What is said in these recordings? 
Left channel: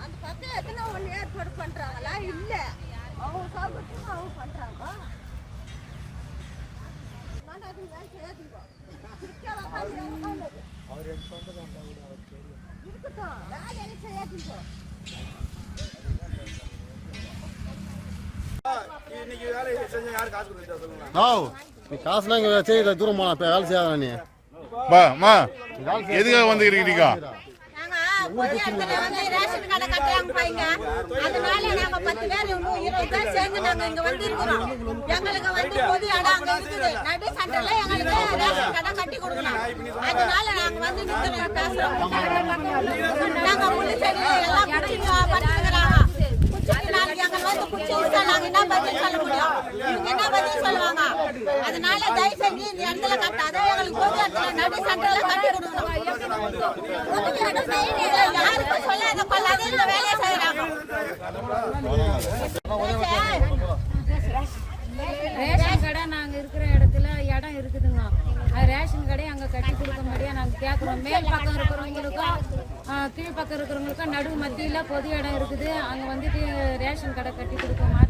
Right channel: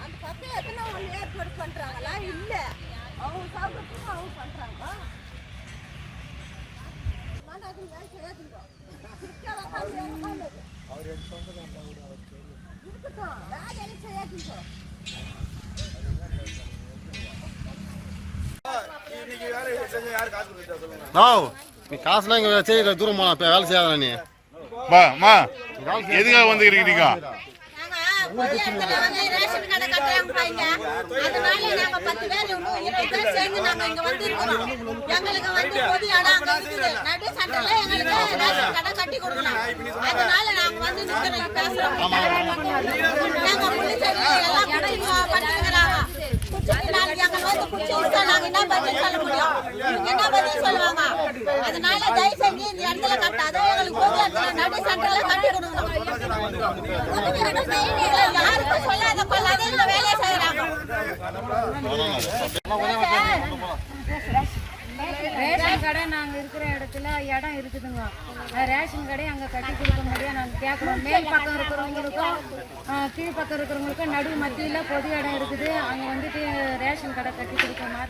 அந்த பக்கத்தில் எத்தனை ஏற்பாடு பண்ணுறாங்களா இல்லை அவங்க அவங்க பண்ணுறாங்க அவர் என் சொந்த அவர் தெரியும் இருக்கட்டும் வேலை செய்யாதீங்க No. நீ காசுலாம் இங்கே செய்கிற தூரம் போனா இப்போ வேலை செய்யாத நீ மா மா எதுக்காக வந்துக்கிறீங்க. அதனால நாங்க பத்து பேர் இன்னும் இருபது பேர் சேர்ந்து நாங்க இங்க வந்திருக்கிறோம். எங்களுக்கு வந்து பொது இடம் அங்க இருக்குது. நடு சென்டர்ல எங்களுக்கு ரேஷன் கடை கட்டி கொடுக்கணும். அதனால நாங்க வந்து நிக்கிறோம், பேசுறோம். நாங்க முள்ளிச்செடி எல்லாம் குத்தி என்ன பதில் சொல்ல முடியும்? என்ன பதில் சொல்லுவாங்க? அதனால தயவு செஞ்சு இந்த இடத்துல கட்டாத எங்களுக்கு பொது இடத்துல நடு சென்டர்ல கட்டி கொடுக்கணும். யாருக்கும் சொல்லாத கொள்ளாத இந்த வேலையை செய்யறாங்க. ரேஷன் கடை நாங்க இருக்கிற இடத்துல இடம் இருக்குதுங்க. ரேஷன் கடை அங்க கட்டி கொடுக்க முடியாது. நாங்க கேட்குறோம். மேல் பக்கம் இருக்கிறவங்களுக்கும் கீழ் பக்கம் இருக்கிறவங்களுக்கும் நடு மத்தியில பொது இடம் இருக்குது. அங்க வந்துட்டு ரேஷன் கடை கட்டி கொடுக்க மாதிரி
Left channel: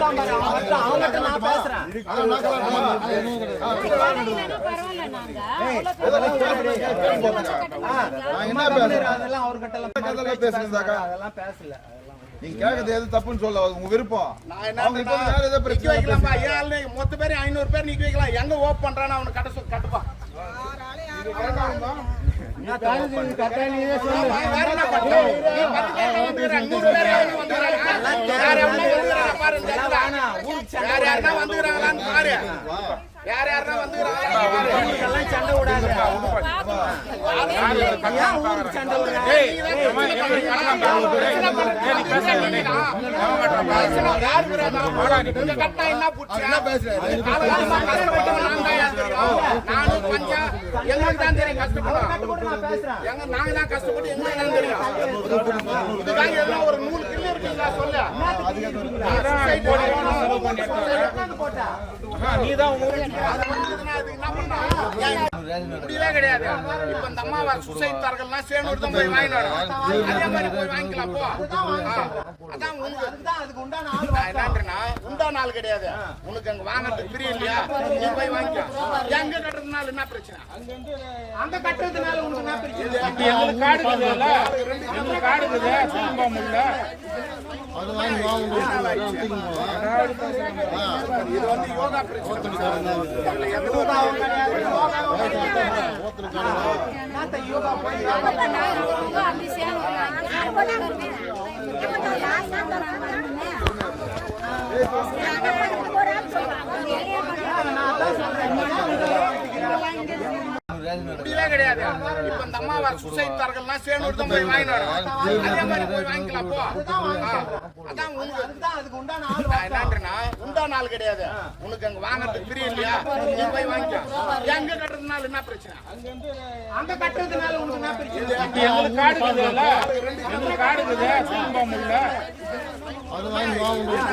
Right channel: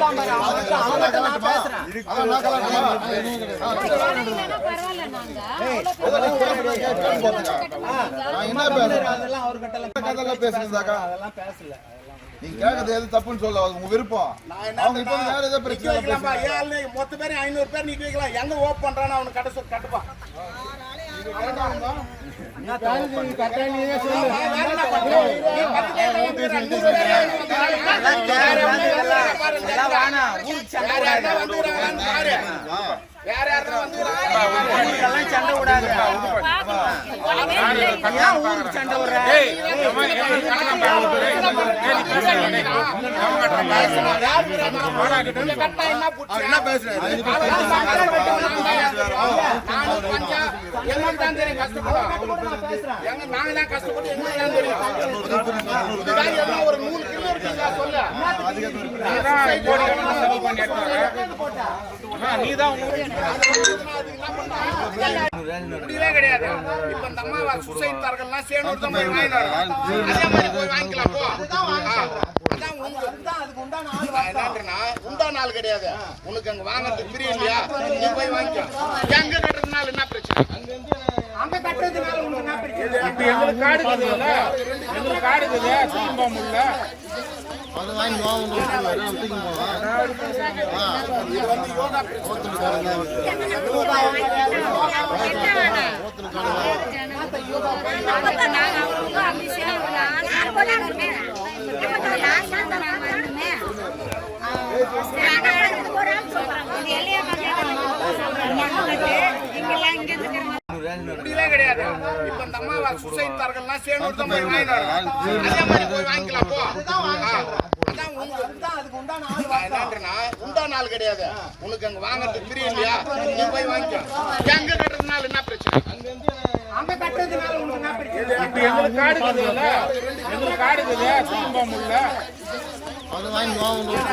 வந்துடுறோம் நான் பேசுறேன்? நீங்க கேட்கறது எது தப்புன்னு சொல்ல உங்க விருப்பம். அவங்க இப்போ வேற ஏதோ பிரச்சனை ஆளு மொத்த பேர் ஐநூறு பேர் நிக்க வைக்கலாம். எங்க ஓப் பண்றான்னு அவனுக்கு கட்ட சொல் கட்டுப்பா. வேற எவனோ வந்துக்கிறாங்க பாரு. வேற யார் கஷ்டப்பட்டவன் நான் தான் ஏன் பஞ்சா, எங்களுக்கு தெரியும் நாங்க தான் கஷ்டப்பட்டு எங்களுக்கு தான் தெரியும். ஒரு நூறு முடியவே கிடையாது. இப்ப இந்த அம்மாவா சுசைட் தரகள்லாம் சேனூர் தான் போய் வாங்கிட்டு வரோம் அதே மாதிரி போய் வாங்கிக்கலாம் போ. அதான் என்னன்றேன்னா, உண்டான ஆள் கிடையாது. உனக்கு அங்க வாங்குறதுக்கு பிரியம் இல்லையா? நீ போய் வாங்கிக்கோ. எங்க கட்டுறதுனால என்ன பிரச்சனை? அங்க கட்டுறதுனால உனக்கு என்ன பிரச்சனை? எங்களுக்கு காடு எங்களுக்கு காடு சாம்பாமுல்ல அது வாங்கி வா, உங்களுக்கு தூக்கி போவா. முடியவே கிடையாது. இப்ப இந்த அம்மாவை சுசைட் சேனூர் தான் போய் வாங்கினாரு அதே மாதிரி போய் வாங்கிக்கலாம் போ. அதான் உங்க நான் என்னன்றேன்னா, உண்டான ஆள் கிடையாது. உனக்கு அங்க வாங்குறதுக்கு பிரியம் இல்லையா? நீ போய் வாங்கிக்கோ. எங்க கட்டுறதுனால என்ன பிரச்சனை? அங்க கட்டுறதுனால உனக்கு என்ன பிரச்சனை? எங்களுக்கு காடு இருக்குதுல்ல எங்களுக்கு காடு இருக்குதா சாம்பாமுல்ல அது வாங்கி வா, உங்களுக்கு.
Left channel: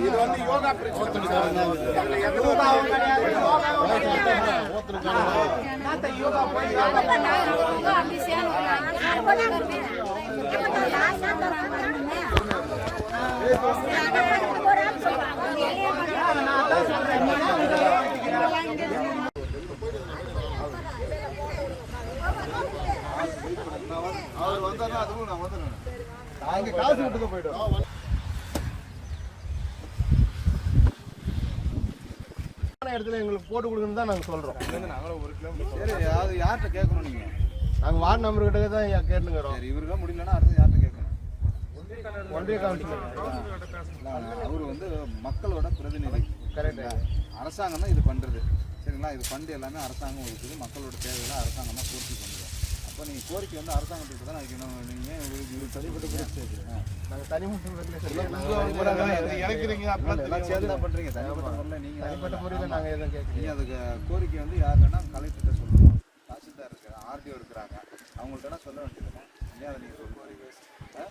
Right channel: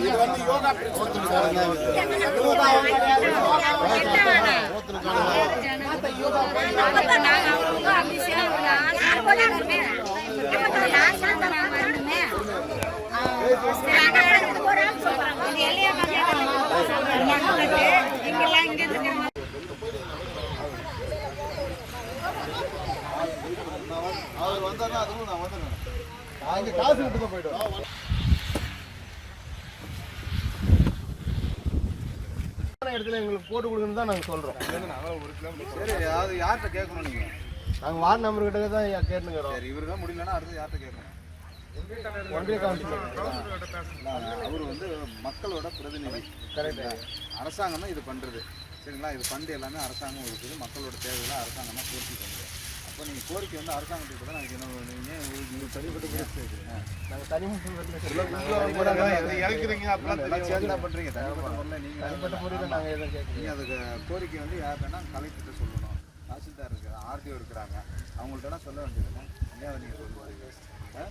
இது வந்து யோகா பிரச்சனை. அவர் வந்தாருன்னா அதுவும் நான் வந்துடுறேன் நான் இங்க காசு விட்டு போயிடுவேன் இடத்துல எங்களுக்கு போட்டு கொடுக்கணும் தான் நாங்கள் சொல்கிறோம் சரி அதாவது யார்கிட்ட கேட்கணும் நீங்க? நாங்கள் வார்டு நம்பர் கிட்ட தான் கேட்டுங்கிறோம் சரி இவருக்கு முடியலன்னா அடுத்து யார்கிட்ட கேட்கணும்? ஒன்றிய கவுன்சிலர் அவர் வந்து மக்களோட பிரதிநிதி. கரெக்டா அரசாங்கம் தான் இது பண்றது. சரிங்களா? இது ஃபண்ட் எல்லாமே அரசாங்கம் ஒதுக்குது. மக்களோட தேவைகளை அரசாங்கம் தான் பூர்த்தி பண்ணுது. அப்போ நீங்கள் கோரிக்கை வந்து அரசாங்கத்துக்கு தான் அதுக்கு என்ன நீங்கள் இது தனிப்பட்ட கேட்குறீங்க நாங்கள் தனிமட்ட முறையில் இறக்குறீங்க எல்லாம் சேர்ந்து தான் பண்ணுறீங்க தனிப்பட்ட முறையில் நீங்கள் தனிப்பட்ட முறையில் நாங்கள் எதுவும் கேட்குறீங்க அதுக்கு கோரிக்கை வந்து யாருன்னா கலெக்டர்கிட்ட சொல்லணும். இருக்கிறாங்க ஆர்டிஓ இருக்கிறாங்க அவங்கள்ட்ட சொல்ல இல்லை அதை நீங்கள் சொல்லுவாங்க ஆ?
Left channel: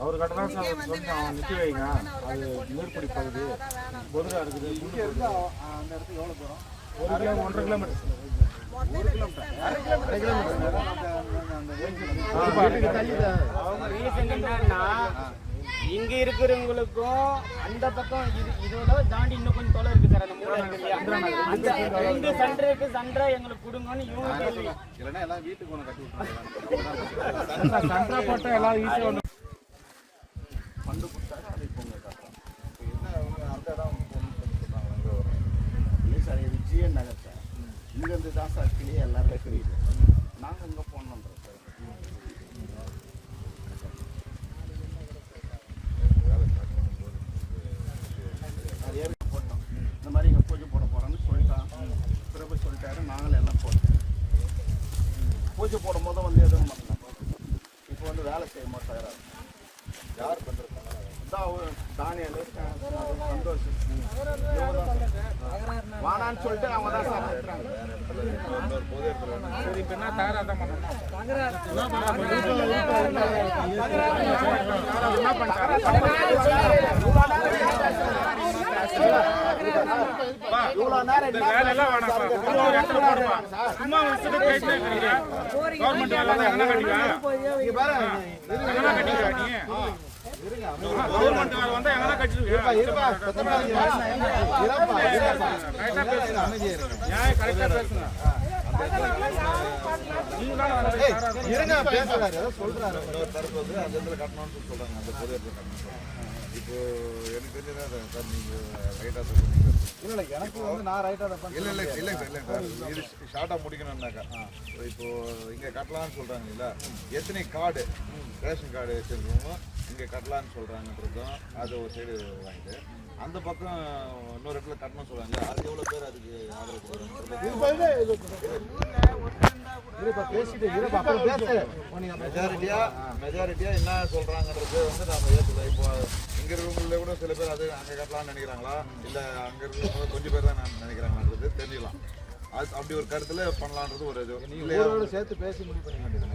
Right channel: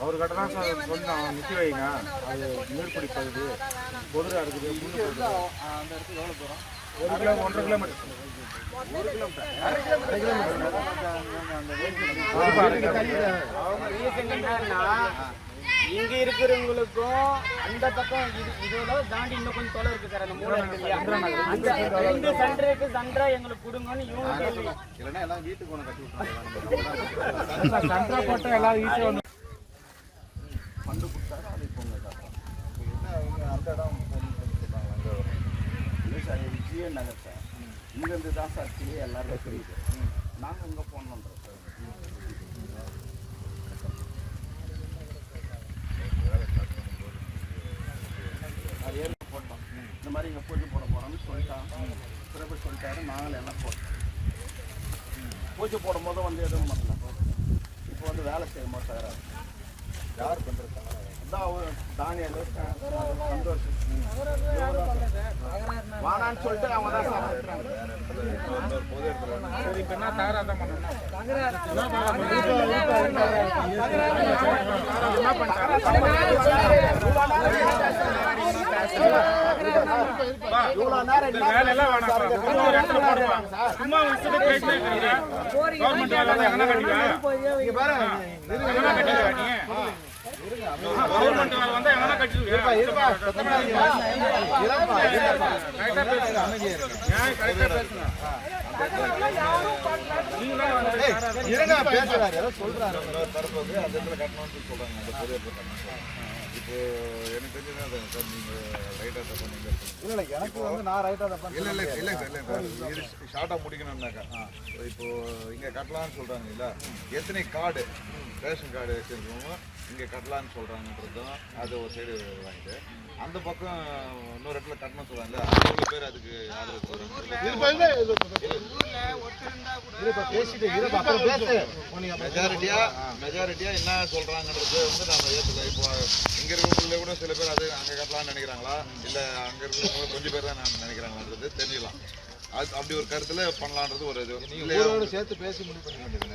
அவர் கட்டணம் சொன்னோம் நிறுத்தி வைங்க. அது மேற்படி பகுதி. பொதுவாக இருக்குது அந்த இடத்துக்கு எவ்வளோ தூரம்? ஒரு கிலோ ஒன்றரை கிலோமீட்டர். இங்க இருக்கிறவங்களுக்கும் அந்த பக்கம் இது இதோட தாண்டி இன்னும் கொஞ்சம் தொலை இருக்கு சார் அந்த மூளை இருக்கு இல்லையா? அந்த ரெண்டு எங்களுக்கு கொடுங்கன்னு இவங்க கேள்வி இல்லைன்னா எல்லாம் வீட்டுக்கு ஒன்று கட்டி விட்டுருவாங்க சண்டை எல்லாம் வீட்டுக்கு ஒன்று பண்டு கொடுத்தாரு அதை இப்போ உங்க இப்போ என்ன அவங்க அந்த இடம் போகணும்னு சொல்லி சொல்கிறாங்க நகர் சார். இங்கேருந்து தான் சார் கிளியே எல்லாருக்கும் தெரியுது. நாங்கள் இங்கே போகணுன்றோம் சார். அது ஏற்கனவே போட்டோம். இந்த மாதிரி இங்கே பூஜை போட போகிறோம்னு சொல்லிட்டான். பிறகு சொல்லிட்டாரு நாங்களும் எல்லாம் போட்டோம். பூஜை போடும் போது வந்து எதுவும் பண்ணல. இப்போ வந்து வேலை செய்ய மாட்டாரு. யார் பண்ணுறாங்க அவர் தானியல் சந்தோஷ் வானான்னு சொல்லிட்டு அவங்க தான் சாப்பிட்றாங்க சரி இப்போ என்ன தகராறு தான் கவர்மெண்ட் வேலை கட்டிக்கலாம் கவர்மெண்ட் வேலை வந்தா எங்கன்னா அந்த இப்போ எனக்கு தெரிஞ்சது சார் எனக்கு வந்து நான் ரைட்டாக தான் இல்ல இல்லை சார் இல்ல. சார் இது ஷார்ட்டா முடிக்கணும்னாக்கா இங்க கட்டலாம்னு சொல்றாங்க எத்தனை கார்டு ரேஷன் கார்டு வச்சிருக்கவங்க இங்க கட்டலாம்னு சொல்றாங்கன்றதும் அது ஒரு சைடு வாங்கிட்டு அந்த பக்கம் இன்னொரு இடத்துல கட்டணும் சொல்றாங்க. அது எவ்வளவு பேர் அதுக்கு ஆதரவு மெஜாரிட்டியா மெஜாரிட்டியா என்ன சொல்றாங்கன்றது வந்து நம்ம ஏத்துல இப்போ இங்க இருக்கவங்கள கூட சில பேர் அது அங்க கட்டலாம்னு நினைக்கிறாங்களா? இல்ல அங்க இருக்கவங்க கொஞ்சம் பேர் தான் நான் நினைக்கிறாங்களான்றது தெரிஞ்சுக்கலாம். அது அப்படி ஒரு கருத்துல பண்ணலான்றது ஒரு இது. இல்லையா? சேர்த்து பேசி முடிவு பண்ண வேண்டியது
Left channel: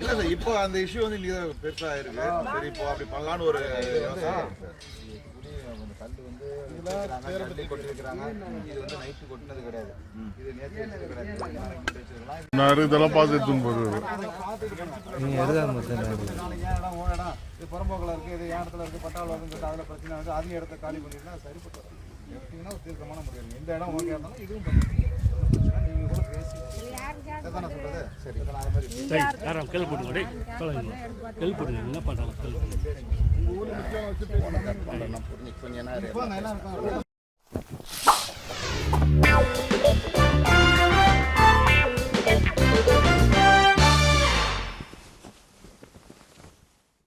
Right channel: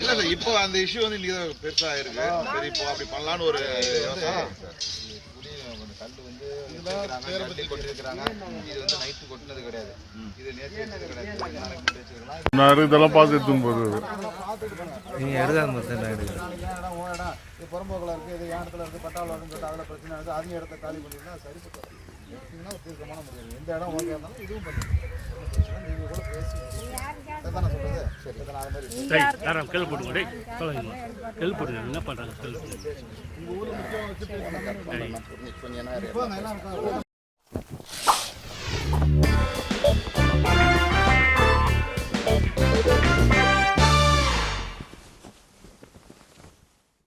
இல்ல சார் இப்போ அந்த இஷ்யூ வந்து இன்னைக்கு பெருசா இருக்கு. சரி இப்போ அப்படி பண்ணலாம்னு ஒரு கல் வந்து கட்டி கொட்டிருக்கிறாங்க. இது வந்து நைட்டு கொட்டினது கிடையாது. இது நேற்று வச்சது கிடையாது. நான் இதெல்லாம் பார்த்து எடுத்துன்னு போகுது நாளைக்கு ஏன் இடம்? இது புறம்போக்கில் இருக்குது இது என் இடத்துல இருக்குது பட்டாவில் சொல்லிட்டு அதில் பிரச்சனை இருக்குது அதிக இடத்த காலி பண்ணிங்கன்னா சரிப்பட்டு தீர்க்கமான முடிவு. எந்த இடம் ஓகே இருந்தாலும் இதுவும் பண்ணி நீங்கள் கூட பேசி அதுதானே சொல்கிறது சரி இதை யாரும் கல் போட்டுங்க டேய் சொல்லுங்க கல் போட்டுங்க என்ன பண்ணுறாங்க கல் போட்டு